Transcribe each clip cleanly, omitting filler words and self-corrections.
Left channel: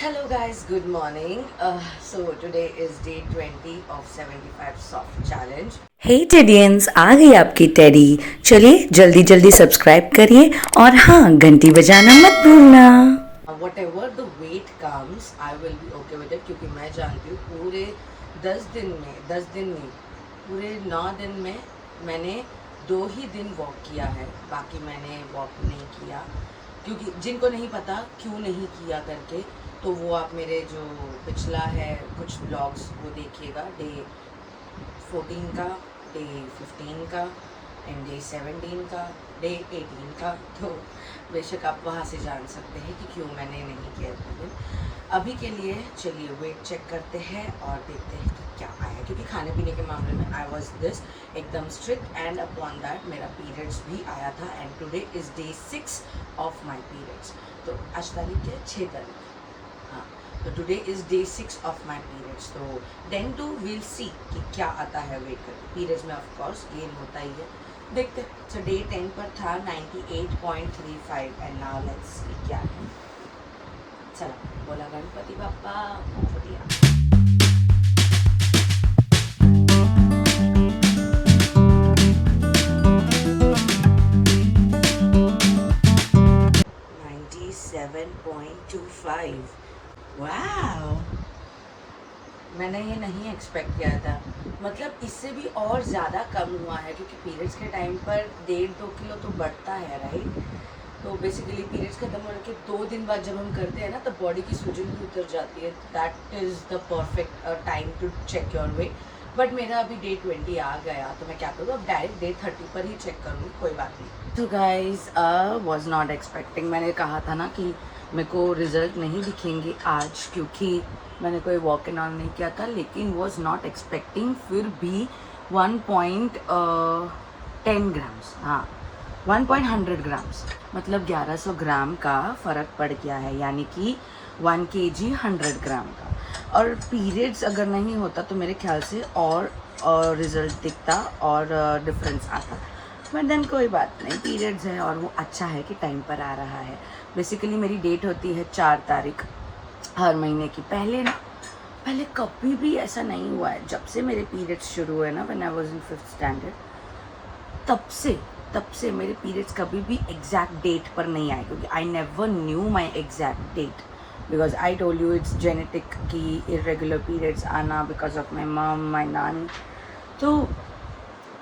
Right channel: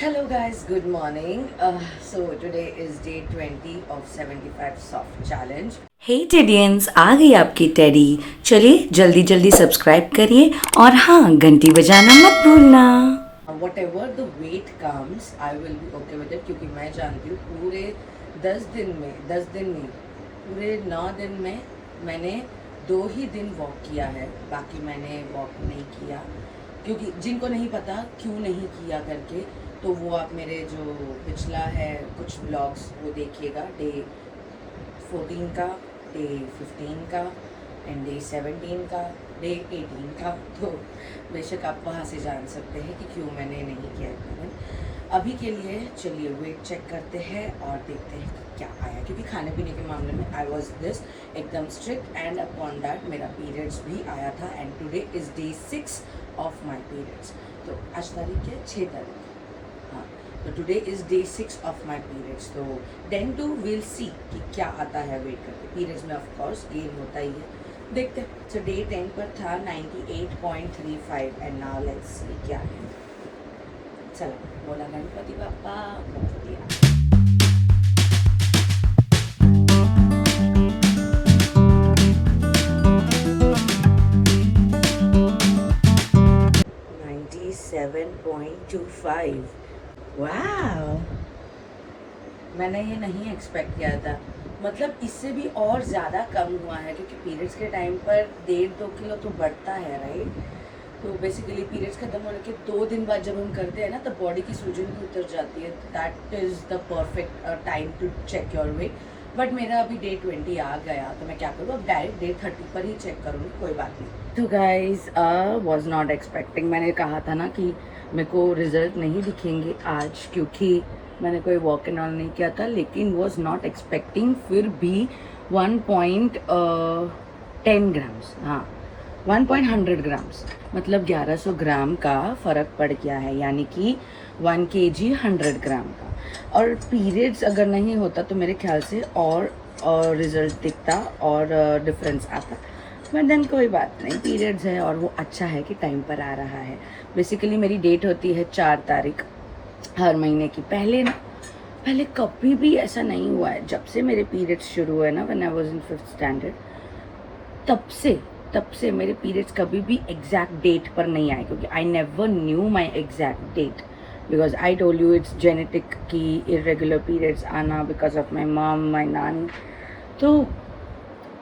Hello guys, good morning. So today is day 20 of 75 soft challenge. हे टेडियंस, आ गई आपकी teddy. चलिए जल्दी जल्दी सब्सक्राइब करिए और हाँ, घंटी बजाना मत भूलना। Whatever the weight comes, I will be okay with it क्योंकि मैं जानती हूँ पूरे 10 दिन नहीं, पूरे 9 दिन में मैंने 2 ही दिन वॉक किया है, बाकी मैंने वॉक नहीं किया। क्योंकि जिनको नहीं पता क्यों नहीं किया करके, तो वो आप मेरे जो पिछला है कुछ ब्लॉग्स वो देखिएगा, डे 14 का, डे 15 का एंड डे 17 का, डे 18 का। तो बेशक आप वहाँ से जान सकते हैं कि क्यों मैंने नहीं किया इतने दिन। अभी के लिए चलिए वेट चेक करते हैं और देखते हैं कि क्या आया, क्योंकि खाने पीने के मामले में आई वॉज दिस एकदम स्ट्रिक्ट एंड अपॉन दैट मेरा पीरियड्स भी आया था and today is day 6 of my periods. तो आज तारीख है 6 तारीख। हाँ, तो today is day 6 of my periods. तो देन टू विल सी कि क्या आता है वेट करके। पीरियड्स में ऑफकोर्स गेन होता ही है, देखते हैं। सो डे 10 पर था 98.35 एंड नाउ लेट्स सी क्या है। चलो बोला गणपति बाप्पा मोरया। वाह, मैंने ये नहीं एक्सपेक्ट किया था। मतलब इससे भी और ज़्यादा कम हुआ है, क्योंकि पीरियड्स के टाइम पर 1.5-2 किलो तो बढ़ता है, राइट। तो बेसिकली पीरियड्स खत्म होने के 2 दिन बाद जब हम करते हैं ना, तो बॉडी की सूजन भी उतर जाती है। That is the perfect time to check your weight. But मेरा अभी डे 20 आ गया, तो मैं क्या करूँ, अब डायरेक्ट डे 30 पर ही चेक करूँगी, कोई बात नहीं। तो गाइज वॉज नॉट एक्सपेक्टिंग, मैंने कहा था ना कि मेरे को रिजल्ट नहीं दिखेंगे आज, क्योंकि मैंने कोई वॉक एंड ऑल नहीं किया था। लेकिन वॉज नॉट एक्सपेक्टिंग फिर भी 1.10 ग्राम्स, हाँ 1.100 ग्राम्स, मतलब 1100 ग्राम का फ़र्क पड़ गया है, यानी कि 1 kg 100 ग्राम का। और पीरियड्स अगर नहीं होता तो मेरे ख्याल से और रिज़ल्ट दिखता और डिफरेंस आता। बट देन कोई बात नहीं, पीरियड्स है और वो अच्छा है कि टाइम पर आ रहा है। बेसिकली मेरी डेट होती है 4 तारीख हर महीने की। पहले कभी भी ऐसा नहीं हुआ है, जब से मेरे पीरियड्स शुरू हुए ना, when I was in 5th standard, तब से मेरे पीरियड्स कभी भी एग्जैक्ट डेट पर नहीं आए, क्योंकि I never knew my exact date, because I told you it's genetic की इरेगुलर पीरियड्स आना because of my mum, my नानी। तो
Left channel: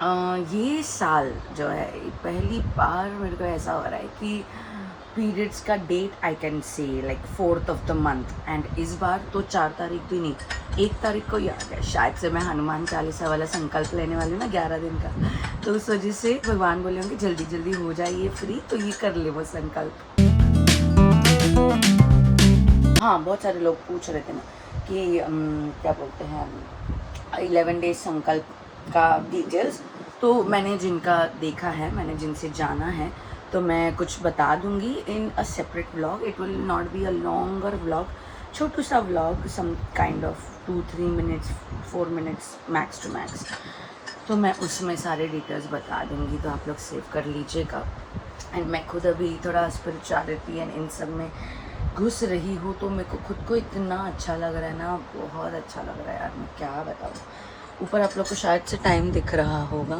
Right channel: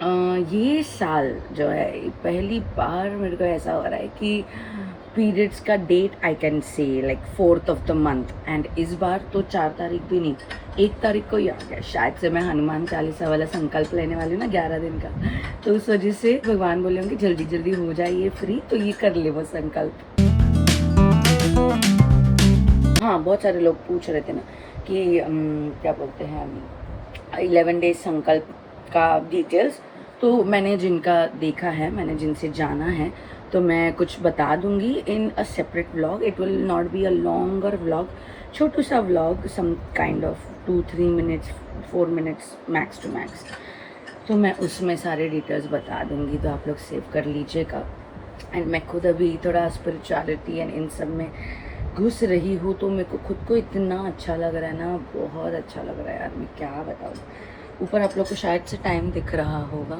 ये साल जो है पहली बार मेरे को ऐसा हो रहा है कि पीरियड्स का date I can say like 4th of the month, and इस बार तो 4 तारीख भी नहीं, 1 तारीख को ही आ गया। शायद से मैं हनुमान चालीसा वाला संकल्प लेने वाली हूँ ना 11 दिन का, तो उस वजह से भगवान बोले होंगे जल्दी जल्दी हो जाइए फ्री, तो ये कर ले वो संकल्प। हाँ, बहुत सारे लोग पूछ रहे थे ना कि क्या बोलते हैं 11 डेज संकल्प का डिटेल्स। तो मैंने जिनका देखा है, मैंने जिनसे जाना है, तो मैं कुछ बता दूंगी in a separate vlog. It will not be a longer vlog, छोटू सा vlog, some kind of 2-3 minutes 4 minutes max to max. तो मैं उसमें सारे डिटेल्स बता दूंगी, तो आप लोग सेव कर लीजिएगा। एंड मैं खुद अभी थोड़ा स्पिरिचुअलिटी एंड इन सब में घुस रही हूँ, तो मेरे को खुद को इतना अच्छा लग रहा है ना, बहुत अच्छा लग रहा है यार, मैं क्या बताऊँ। ऊपर आप लोग को शायद से टाइम दिख रहा होगा,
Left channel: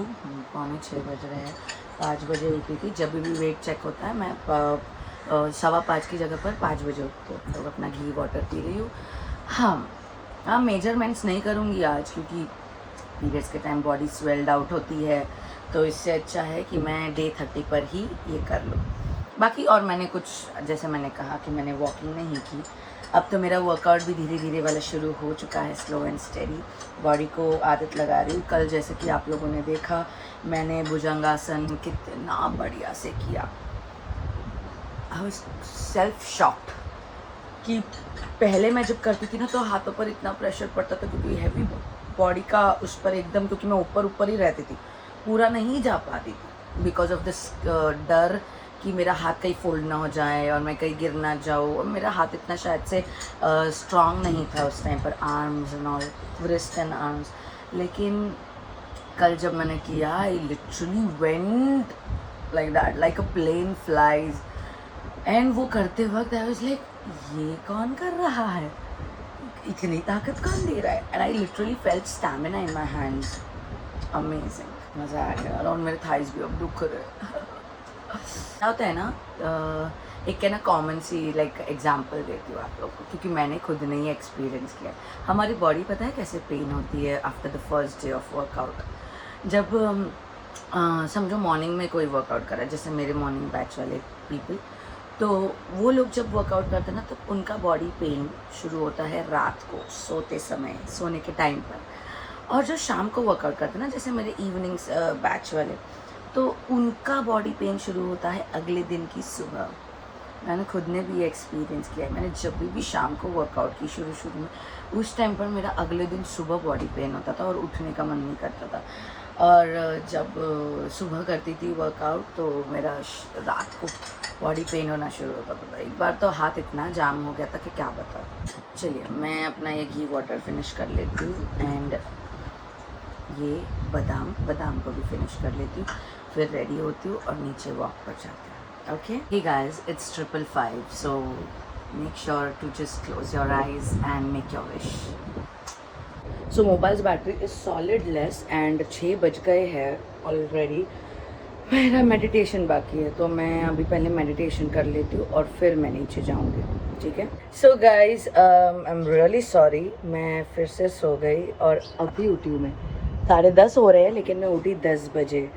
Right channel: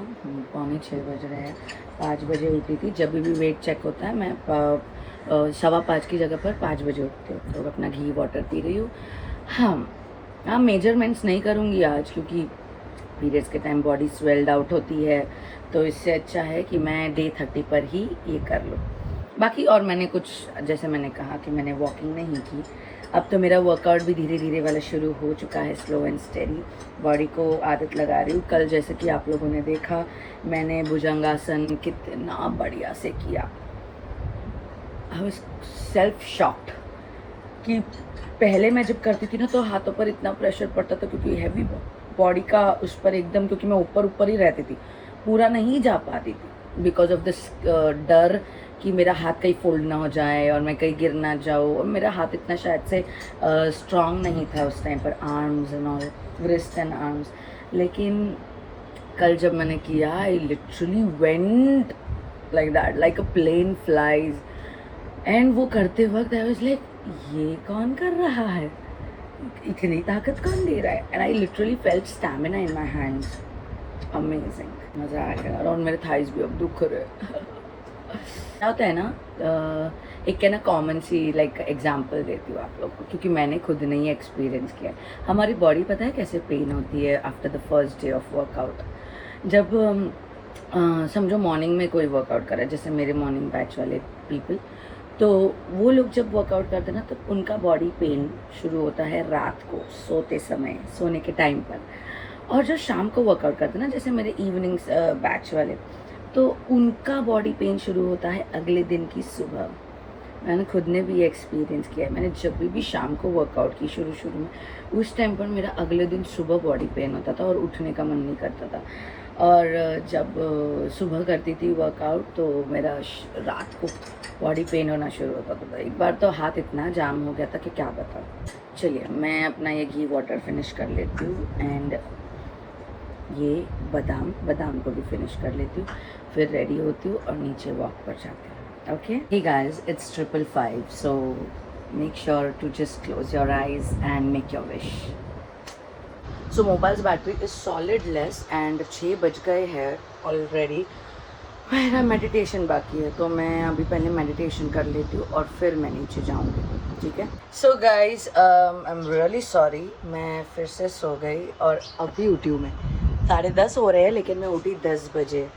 5:45 बज रहे हैं। 5 बजे उठी थी, जब भी वेट चेक होता है मैं 5:15 की जगह पर 5 बजे उठती हूँ। तो अपना घी वाटर पी रही हूँ। हाँ, मेजरमेंट्स नहीं करूँगी आज, क्योंकि पीरियड्स के टाइम बॉडी स्वेल्ड आउट होती है, तो इससे अच्छा है कि मैं डे 30 पर ही ये कर लूँ। बाकी और मैंने कुछ, जैसे मैंने कहा कि मैंने वॉकिंग नहीं की, अब तो मेरा वर्कआउट भी धीरे धीरे वाला शुरू हो चुका है, स्लो एंड स्टेडी। बॉडी को आदत लगा रही हूँ। कल जैसे कि आप लोगों ने देखा, मैंने भुजंगासन कितना बढ़िया से किया। आई वाज सेल्फ शॉक्ड कि पहले मैं जब करती थी ना, तो हाथों पर इतना प्रेशर पड़ता था, क्योंकि हैवी बॉडी का उस पर एकदम, क्योंकि मैं ऊपर ही रहती थी, पूरा नहीं जा पाती थी बिकॉज ऑफ दिस डर कि मेरा हाथ कहीं फोल्ड ना हो जाए और मैं कहीं गिर ना जाऊँ। और मेरा हाथ इतना शायद से स्ट्रॉन्ग नहीं था उस टाइम पर, arms and all, wrist and arms. लेकिन कल जब मैंने किया, I literally went like that, like a plane flies. And वो करते वक्त आई वाज लाइक ये कौन कर रहा है, इतनी ताकत कौन दे रहा है। And I literally felt stamina in my hands, amazing, मज़ा आ गया। और मेरे थाइस भी अब दुख रहे। क्या होता है ना, एक है ना कॉमन सी लाइक एग्जांपल देती हूँ आप लोग को, क्योंकि मैंने खुद नहीं एक्सपीरियंस किया है। हमारी बॉडी पता है कैसे पेन होती है after the first day of workout. जब समझो मॉर्निंग में कोई वर्कआउट कर रहा है, जैसे मेरे मॉर्निंग बैच वाले पीपल, तो वो लोग जब वर्कआउट करते हैं ना, तो उनका बॉडी पेन शुरू होता है रात को सोते समय, सोने के टाइम पर। और जो शाम को वर्कआउट करते हैं ना, जैसे मेरे इवनिंग्स बैच वाले, तो उनका बॉडी पेन शुरू होता है अगले दिन की सुबह। मैंने खुद ने भी एक्सपीरियंस किया है। मैंने जब भी शाम को वर्कआउट की शुरू में, उस टाइम पर मेरा अगले दिन सुबह बॉडी पेन होता था और उठने का मन नहीं करता था। और जब सुबह करती थी वर्कआउट, तो मेरा रात को बॉडी पेन होना शुरू होता था। एक बार तो हाथ इतना जाम हो गया था कि क्या बताऊँ। चलिए मैं अपना ये घी वाटर फिनिश कर लेती हूँ, एंड ये बादाम को भी फिनिश कर लेती हूँ, फिर रेडी होती हूँ और नीचे वॉक पर जाती हूँ। Okay, hey guys, it's 5:55, so make sure to just close your eyes and make your wish. So mobiles battery is solid less and 6 बज गए हैं ऑलरेडी। मेरा मेडिटेशन बाकी है, तो मैं अभी पहले मेडिटेशन कर लेती हूँ और फिर मैं नीचे जाऊँगी, ठीक है। So guys, I am really sorry, मैं फिर से सो गई और अभी उठी हूँ। मैं 10:30 हो रहे हैं, लेकिन मैं उठी 10 बजे।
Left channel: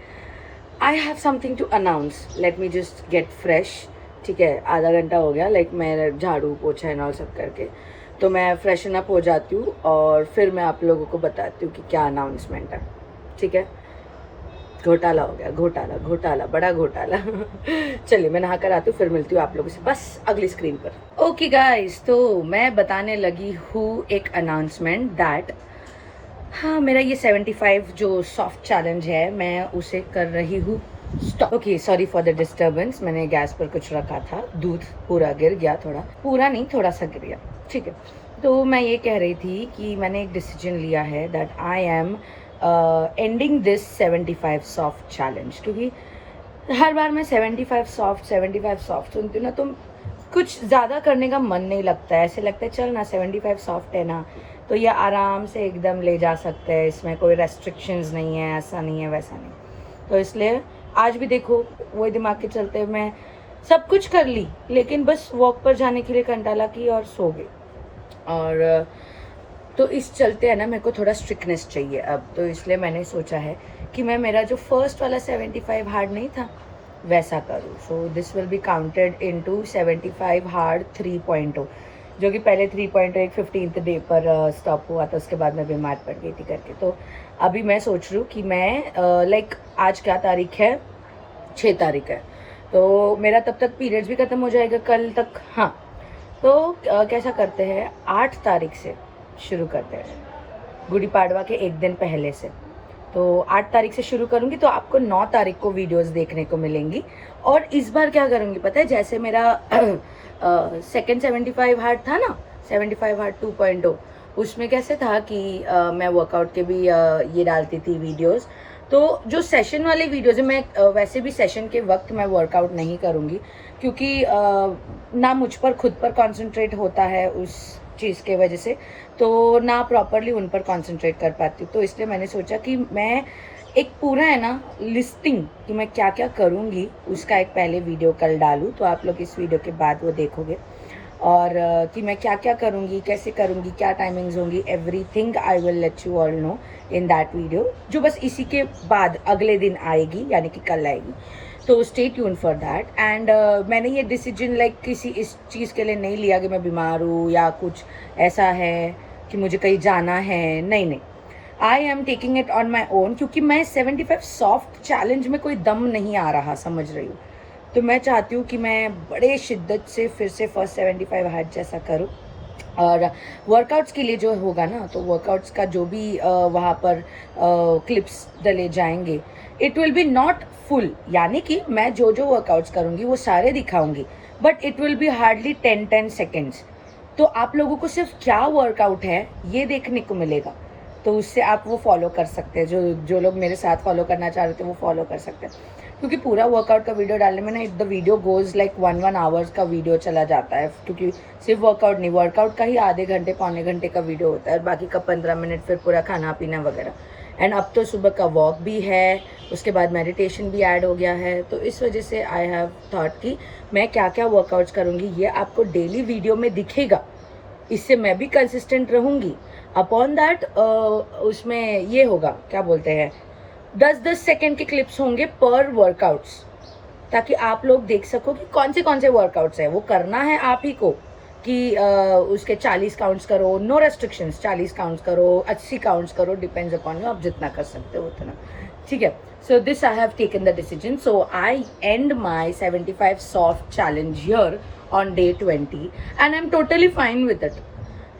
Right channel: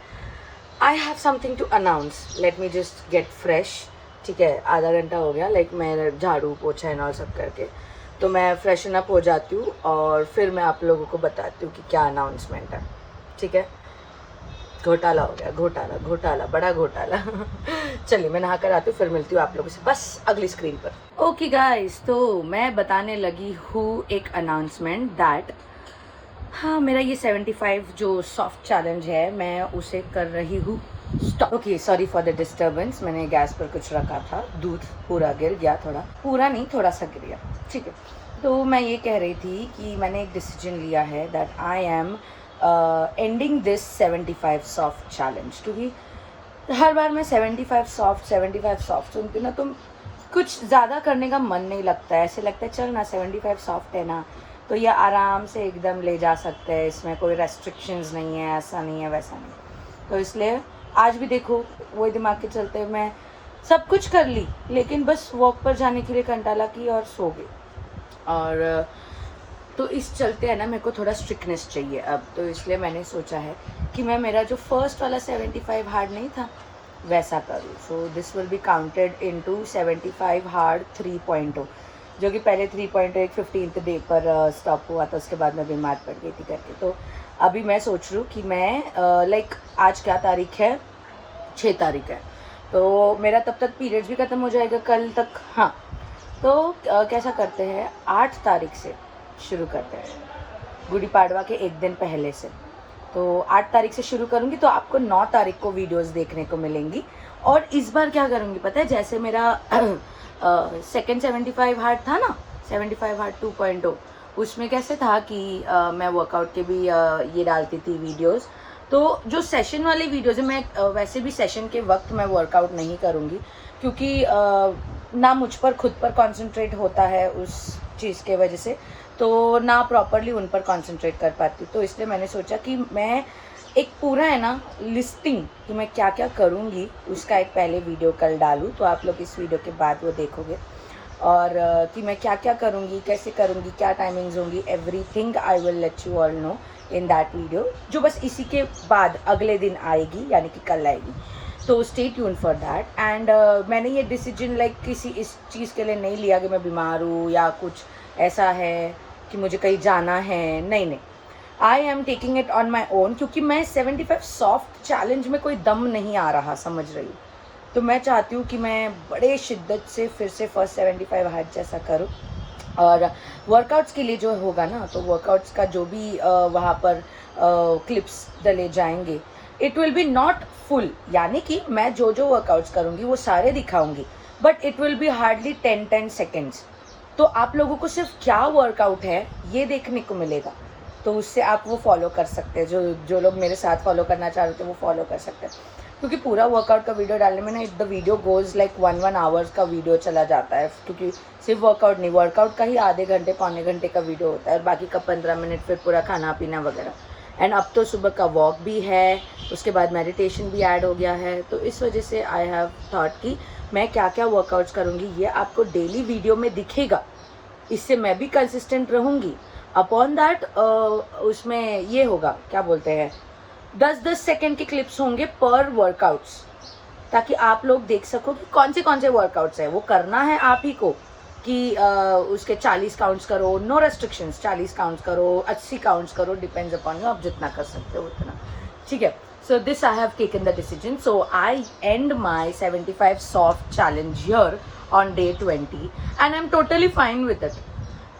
I have something to announce, let me just get fresh, ठीक है। आधा घंटा हो गया, लाइक मैं झाड़ू पोछा एंड ऑल सब करके, तो मैं फ्रेशन अप हो जाती हूँ और फिर मैं आप लोगों को बताती हूँ कि क्या अनाउंसमेंट है, ठीक है। घोटाला हो गया, घोटाला, बड़ा घोटाला। चलिए मैं नहा कर आती हूँ, फिर मिलती हूँ आप लोगों से बस अगली स्क्रीन पर। ओके गाइस, तो मैं बताने लगी हूँ एक अनाउंसमेंट दैट, हाँ, मेरा ये 75 जो सॉफ्ट चैलेंज है, मैं उसे कर रही हूँ stop. Okay, sorry for the disturbance, मैंने गैस पर कुछ रखा था, दूध पूरा गिर गया, पूरा नहीं, थोड़ा सा गिर गया, ठीक है। तो मैं ये कह रही थी कि मैंने एक डिसीजन लिया है that I am ending this 75 soft challenge, क्योंकि हर बार मैं 75 सॉफ्ट सुनती हूँ ना, तो कुछ ज़्यादा करने का मन नहीं लगता है। ऐसे लगता है चल ना 75 सॉफ्ट है ना, तो ये आराम से एकदम ले जा सकते हैं, इसमें कोई रेस्ट्रिक्शंस नहीं है, ऐसा नहीं है वैसा नहीं। तो इसलिए आज भी देखो वही दिमाग के चलते मैं सब कुछ कर ली, लेकिन बस वॉक पर जाने के लिए कंटाला की और सो गई। और तो इस चलते है ना, मेरे को थोड़ा स्ट्रिक्टनेस चाहिए अब, तो इसलिए मैंने सोचा है कि मैं मेरा जो फर्स्ट वाला 75 हार्ड नहीं था वैसा करूँ। So this will be counted into 75 hard 3.0, जो कि पहले 3.0 एक 15th डे पर स्टॉप हुआ था, उसके बाद मैं बीमार पड़ गई थी करके। तो अभी मैं सोच रही हूँ कि मैं लाइक आज क्या तारीख है, 6 तारीख है, तो मेरा तब तक पीरियड्स भी ख़त्म हो जाएगा कल तक। हाँ, तो कैसा करते हैं, 8 तारीख से शुरू करते हैं, गुड़ी पाड़वा के एक दिन पहले से। तो 8 तारीख से शुरू करूँगी, तो आपको 9 तारीख को वीडियोस देखने को मिलेंगी। और इस बार क्या करूँगी पता है, जैसे मेरा सेकेंड 75 हार्ड था ना, 75 हार्ड 2.0, उसमें कैसे था कि मैं वर्कआउट के भी ये डालती थी वीडियोस। तो जो सेशन वाले वीडियोस है, मैं वैसे भी सेशन के वक्त मैं वर्कआउट नहीं करूँगी, क्योंकि ना मुझ पर खुद पर कंसंट्रेट होता है उस चीज़ के वजह से, तो ना प्रॉपरली उन पर कंसंट्रेट कर पाती। तो इसलिए मैंने सोचा कि मैं एक पूरा है ना लिस्टिंग कि मैं क्या क्या करूँगी, उसका एक पहले वीडियो कल डालूँ, तो आप लोग इस वीडियो के बाद वो देखोगे। और कि मैं क्या क्या करूँगी, कैसे करूँगी, क्या टाइमिंग्स होंगी, everything I will let you all know in that video, जो बस इसी के बाद अगले दिन आएगी, यानी कि कल आएगी। तो stay tune for that. And मैंने ये डिसीजन लाइक किसी इस चीज़ के लिए नहीं लिया कि मैं बीमार हूँ या कुछ ऐसा है कि मुझे कहीं जाना है, नहीं, I am taking it on my own, क्योंकि मैं 75 सॉफ्ट चैलेंज में कोई दम नहीं आ रहा, समझ रही हूँ। तो मैं चाहती हूँ कि मैं बड़े शिद्दत से फिर से फर्स्ट 75 हार्ड जैसा करूँ। और वर्कआउट्स के लिए जो होगा ना, तो वर्कआउट्स का जो भी वहाँ पर क्लिप्स डले जाएंगे, it will be not full, यानी कि मैं जो जो वर्कआउट्स करूँगी वो सारे दिखाऊंगी, but it will be hardly 10 seconds. तो आप लोगों को सिर्फ क्या वर्कआउट है ये देखने को मिलेगा, तो उससे आप वो फॉलो कर सकते हैं। जो लोग मेरे साथ फॉलो करना चाह रहे थे वो फॉलो कर सकते हैं। क्योंकि पूरा वर्कआउट का वीडियो डालने में ना the video goes like 1 hours का वीडियो चला जाता है, क्योंकि सिर्फ वर्कआउट नहीं, वर्कआउट का ही आधे घंटे पौने घंटे का वीडियो होता है, बाकी का 15 मिनट फिर पूरा खाना पीना वगैरह। एंड अब तो सुबह का वॉक भी है, उसके बाद मेडिटेशन भी ऐड हो गया है, तो इस वजह से आई हैव थॉट कि मैं क्या क्या वर्कआउट्स करूँगी ये आपको डेली वीडियो में दिखेगा, इससे मैं भी कंसिस्टेंट रहूँगी। अपॉन दैट उसमें ये होगा, क्या बोलते हैं, 10-10 सेकेंड के क्लिप्स होंगे पर वर्कआउट्स, ताकि आप लोग देख सको कि कौन से वर्कआउट्स है, वो करना है आप ही को कि उसके 40 काउंट्स करो, नो रेस्ट्रिक्शंस, 40 काउंट्स करो, 80 काउंट्स करो, डिपेंड्स अपॉन यू, आप जितना कर सकते हो उतना, ठीक है। So this I have taken the decision. So I end my 75 soft challenge here on day 20 and I'm totally fine with it.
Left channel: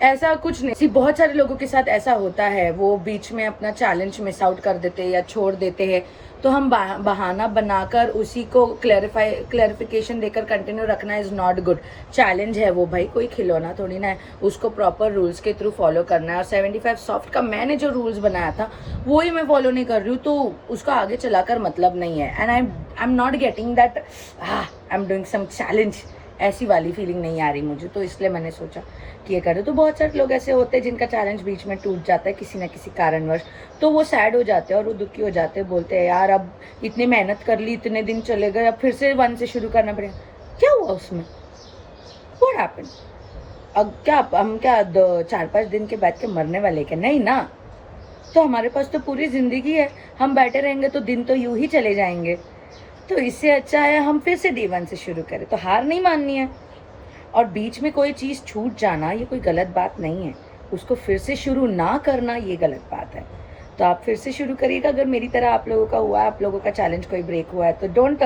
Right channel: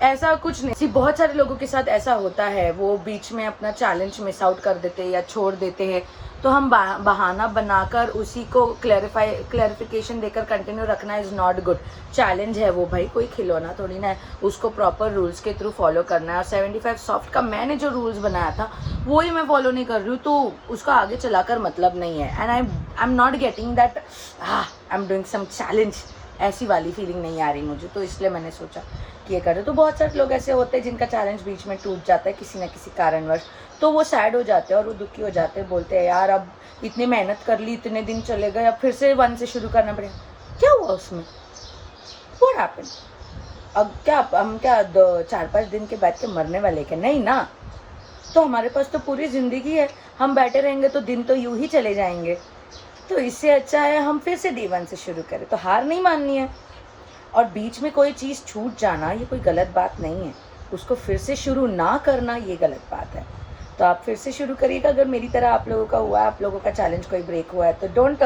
ऐसा कुछ नहीं, सिर्फ बहुत सारे लोगों के साथ ऐसा होता है, वो बीच में अपना चैलेंज मिस आउट कर देते हैं या छोड़ देते हैं, तो हम बहाना बनाकर उसी को क्लैरिफिकेशन देकर कंटिन्यू रखना इज़ नॉट गुड। चैलेंज है वो भाई, कोई खिलौना थोड़ी ना है, उसको प्रॉपर रूल्स के थ्रू फॉलो करना है। और 75 सॉफ्ट का मैंने जो रूल्स बनाया था वो ही मैं फॉलो नहीं कर रही हूँ, तो उसका आगे चलाकर मतलब नहीं है। And I am not getting that I am doing some challenge, ऐसी वाली फीलिंग नहीं आ रही मुझे, तो इसलिए मैंने सोचा कि ये करें। तो बहुत सारे लोग ऐसे होते हैं जिनका चैलेंज बीच में टूट जाता है किसी ना किसी कारणवश, तो वो सैड हो जाते हैं और वो दुखी हो जाते हैं, बोलते हैं यार अब इतनी मेहनत कर ली, इतने दिन चले गए, अब फिर से 1 से शुरू करना पड़ेगा। क्या हुआ उसमें, व्हाट हैपेंड? अब क्या हम क्या 4-5 दिन के बाद के मरने वाले क्या? नहीं ना, तो हमारे पास तो पूरी ज़िंदगी है, हम बैठे रहेंगे तो दिन तो यूं ही चले जाएंगे, तो इससे अच्छा है हम फिर से डे 1 से शुरू करें। तो हार नहीं माननी है, और बीच में कोई चीज़ छूट जाना ये कोई गलत बात नहीं है, उसको फिर से शुरू ना करना ये गलत बात है। तो आप फिर से शुरू करिएगा, अगर मेरी तरह आप लोगों का हुआ है, आप लोगों का चैलेंज कोई ब्रेक हुआ है, तो don't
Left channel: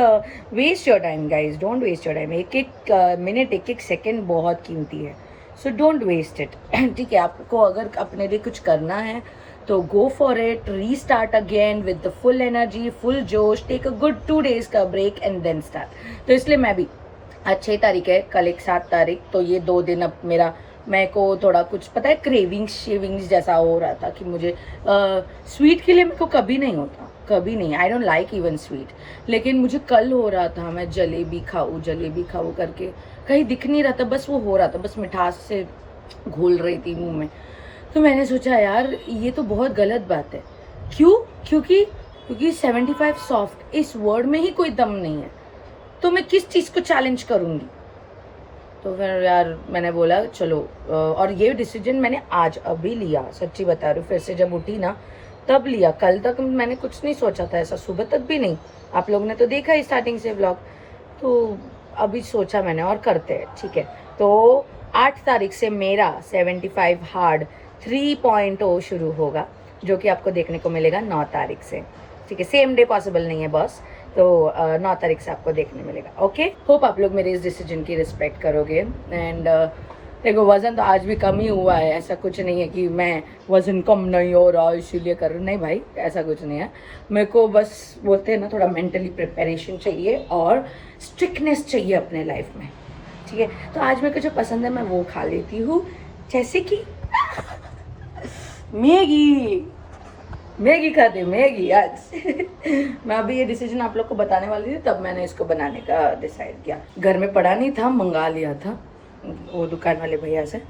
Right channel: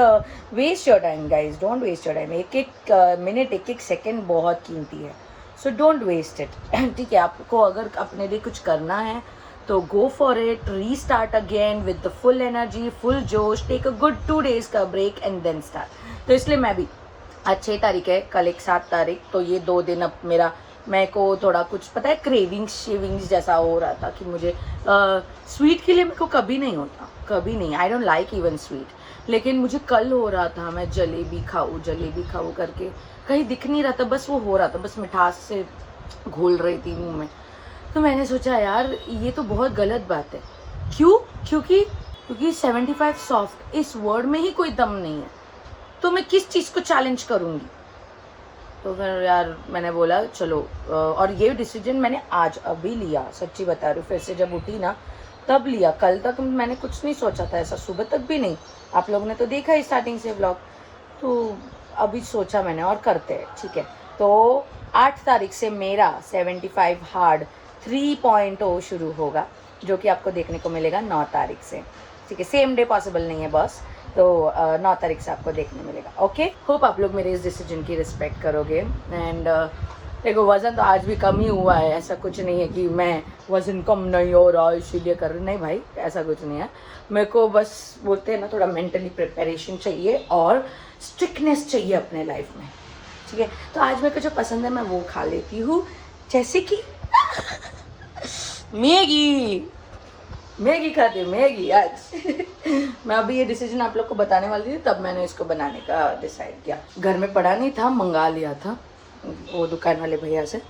waste your time guys, don't waste your time. एक मिनट, एक सेकेंड बहुत कीमती है, सो डोंट वेस्ट इट, ठीक है। आपको अगर अपने लिए कुछ करना है तो go for it, restart again with the full energy, full जोश, टेक अ गुड 2 days का ब्रेक एंड देन स्टार्ट। तो इसलिए मैं भी, आज 6 तारीख है, कल एक 7 तारीख, तो ये 2 दिन अब मेरे को थोड़ा कुछ पता है, क्रेविंग्स जैसा हो रहा था कि मुझे स्वीट के लिए मेरे को कभी नहीं होता, कभी नहीं, I don't like even sweet, लेकिन मुझे कल हो रहा था मैं जलेबी खाऊं करके, कहीं दिख नहीं रहा था, बस वो हो रहा था, बस मिठास से घोल रही थी मुंह में। तो मैंने सोचा यार ये तो बहुत गलत बात है। क्यों? क्योंकि 75 सॉफ्ट इस वर्ड में ही कोई दम नहीं है, तो मैं किस चीज़ को चैलेंज करूँगी? तो फिर यार मैंने बोला चलो, और ये डिसीजन मैंने आज अभी लिया, सच्ची बता रही हूँ, फिर से जब उठी ना तब लिया, कल तक मैंने कुछ नहीं सोचा था ऐसा, सुबह तक भी नहीं। आप लोगों ने तो देखा ही स्टार्टिंग से व्लॉग, तो अभी सोचा मैंने और करते हैं, ठीक है। तो 8 तारीख से मेरा 75 हार्ड 3.0 शुरू होगा, जो कि आपको देखने को मिलेगा 9 तारीख से, ठीक है। सेम डे पॉसिबल नहीं है बॉस, तो 9 तारीख से आपको देखने मिलेगा, ओके। होप आप लोग मेरे इस डिसीजन की रिस्पेक्ट करोगे। एंड देखो वज़न तो आज भी कम ही हुआ है, ऐसा कुछ नहीं है कि मैं वज़न कम नहीं हो रहा इसीलिए कर रही हूँ, नहीं भाई ऐसा कुछ नहीं है। मेरे को बस बोलते हैं ना, थोड़ा मेंटली प्रिपरेशन चाहिए और स्ट्रिक्टनेस चाहिए अपने लाइफ में, ठीक है। तो आज मेरे को जो पसंद है मैं वो खा लेती हूँ, जैसे कि मैगी खाते, मैगी आज मैं अभी ये डिसीजन आप लोग को बताने वाली थी, तब मैंने इसको बनाने का डिसाइड किया। घर में पड़ा नहीं था, मंगा लिया था वो दुकान वाले भैया से।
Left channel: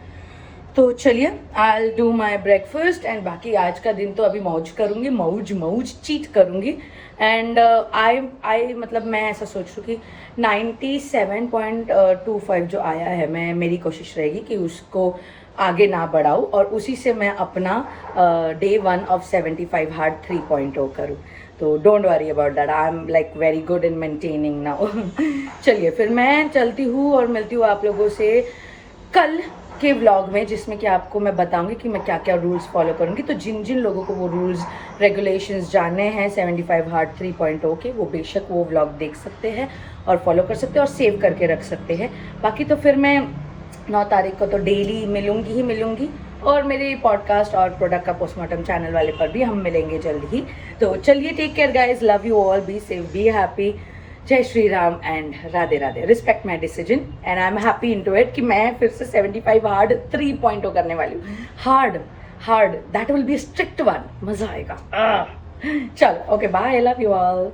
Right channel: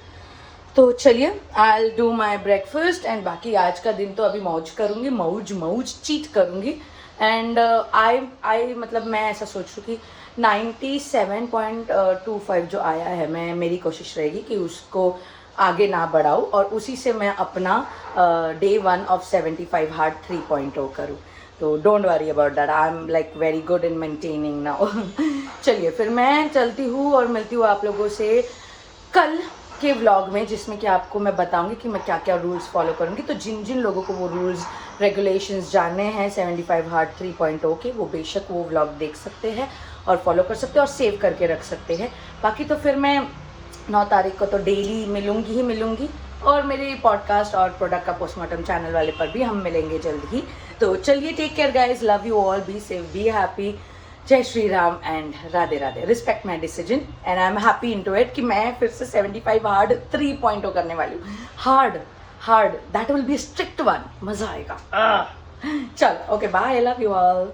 तो चलिए I will do my breakfast and बाकी आज का दिन तो अभी मौज करूँगी, मौज चीट करूँगी। एंड आई मतलब मैं ऐसा सोच रही हूँ कि 97.25 जो आया है, मेरी कोशिश रहेगी कि उसको आगे ना बढ़ाऊँ और उसी से मैं अपना day 1 of 75 हार्ड 3.0 करूँ। तो don't worry about that, I am like very good in maintaining now. चलिए फिर मैं चलती हूँ और मिलती हूँ आप लोगों से कल के व्लॉग में, जिसमें कि आपको मैं बताऊंगी कि मैं क्या क्या रूल्स फॉलो करूंगी। तो जिन जिन लोगों को वो रूल्स रेगुलेशंस जानने हैं 75 हार्ड 3.0 के, वो बेशक वो व्लॉग देख सकते हैं और फॉलो कर सकते हैं और सेव करके रख सकते हैं। बाकी तो फिर मैं 9 तारीख को तो डेली मिलूंगी और मेरे पॉडकास्ट और प्रोडक्ट का पोस्टमार्टम चैनल वाले पर भी हम मिलेंगे जल्द ही। तो चलिए, take care guys, love you all, be safe, be happy, जय Shri Ram and Radhe Radhe. Respect my decision and I am happy into it कि मैं फिर से 75 हार्ड 3.0 करने वाली हूँ। Hard that will be strict one, मजा आएगा। चलो okay, bye, love you all.